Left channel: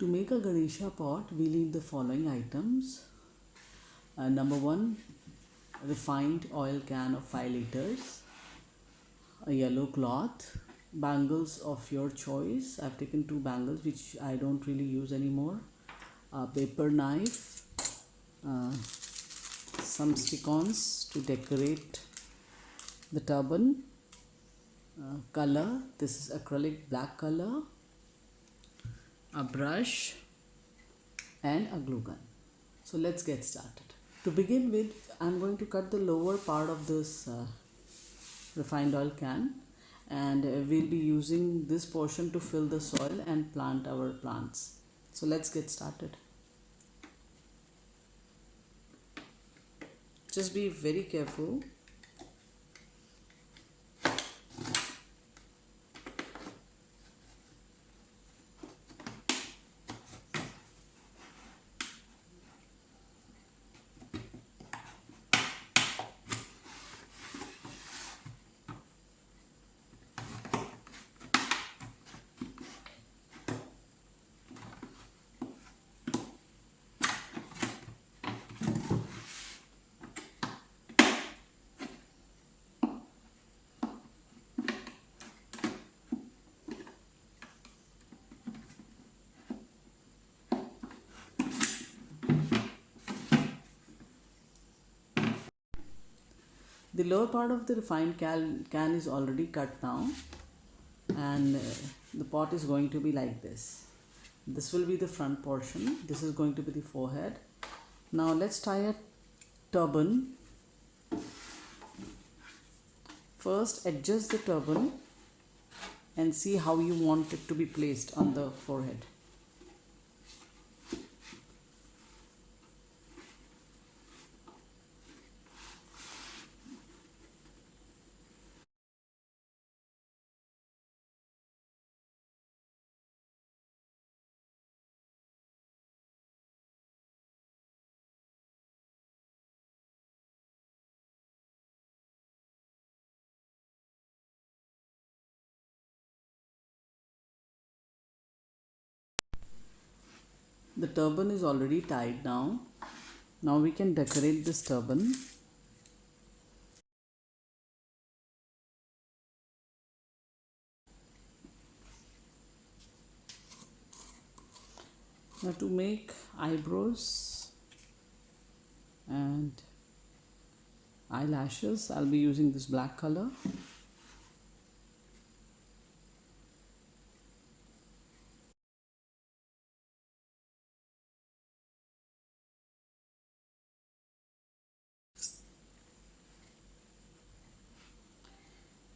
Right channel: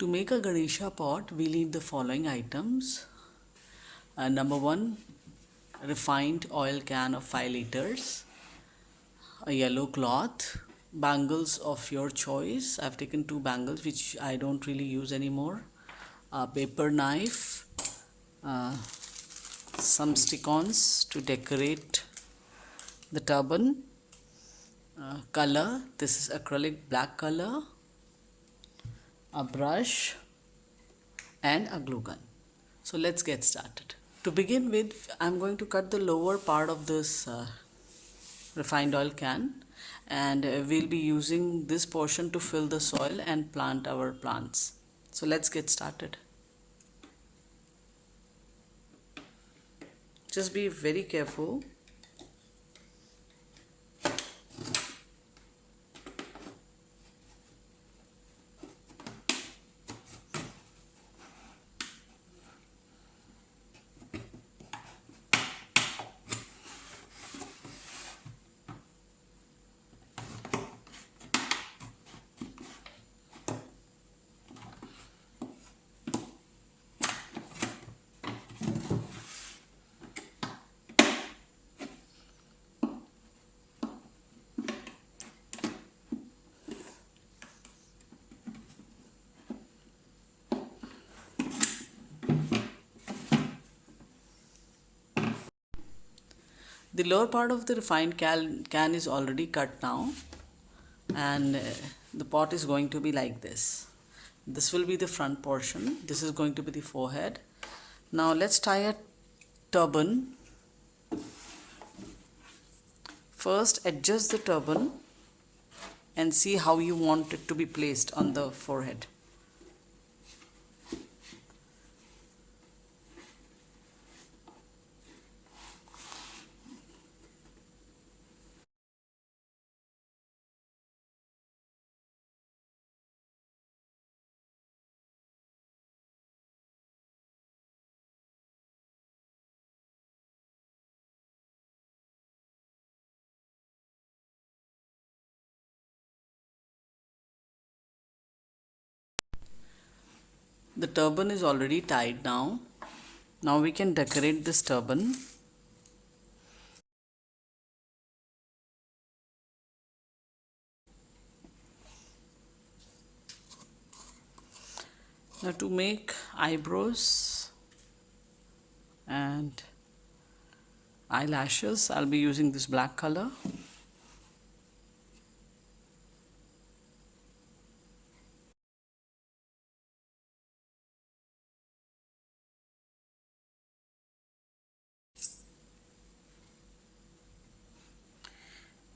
To make a Ganesha pot, we need the following items. Number one, refined oil can of 5 liters, a yellow cloth, bangles of your choice. I've taken 2 bangles which I don't really use anymore, a paper knife, uh, some stick-ons to decorate the turban, color, this is acrylic black color, a brush and a glue gun. So let's get started. To begin with, I'm going to cut the lower part of this refined oil can, and we'll be using this portion to fill the soil and plant our plants. So let's get started. Just be very careful. The lower part of the refined can is already cut now, and the pot is going to be like this. This will be the front portion. This is going to be the forehead. Now let's tie a turban. First, adjust the turban and see how you want it to be placed on the forehead. The turban is already tied now. Now we can decorate this turban. Now to make eyebrows and eyelashes, I'll be using this black color.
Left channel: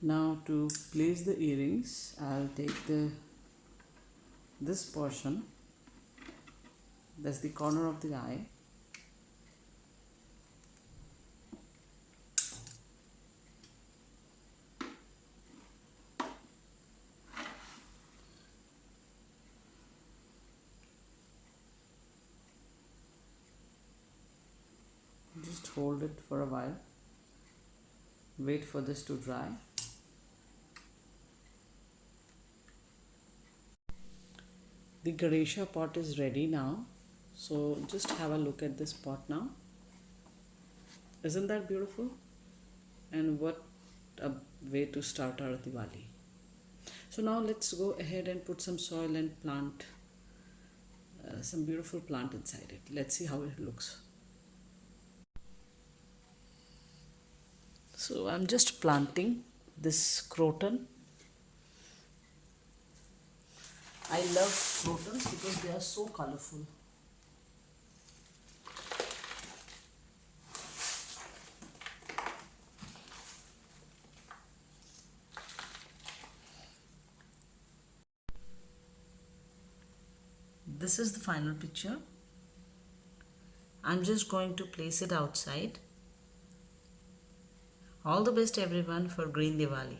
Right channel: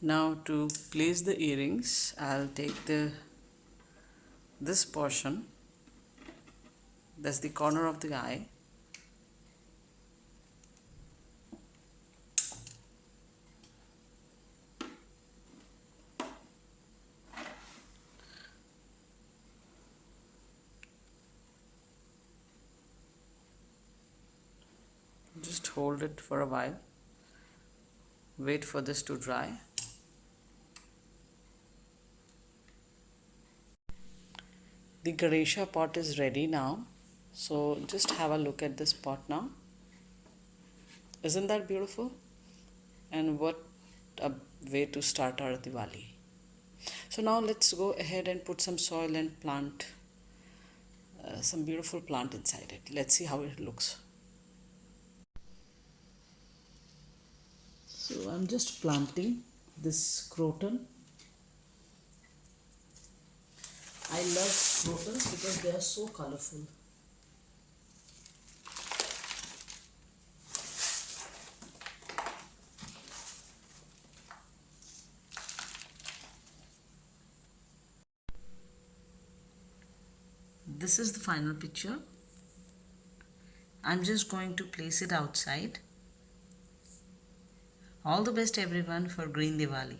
Now to place the earrings, I'll take this portion, that's the corner of the eye. Just hold it for a while. Wait for this to dry. The Ganesha pot is ready now. So just have a look at this pot now. Isn't that beautiful? And what a way to start our Diwali. So now let's go ahead and put some soil and plant some beautiful plant inside it. Let's see how it looks. So I'm just planting this croton. I love crotons because they are so colorful. This is the final picture. I'm just going to place it outside. All the best everyone for Green Diwali.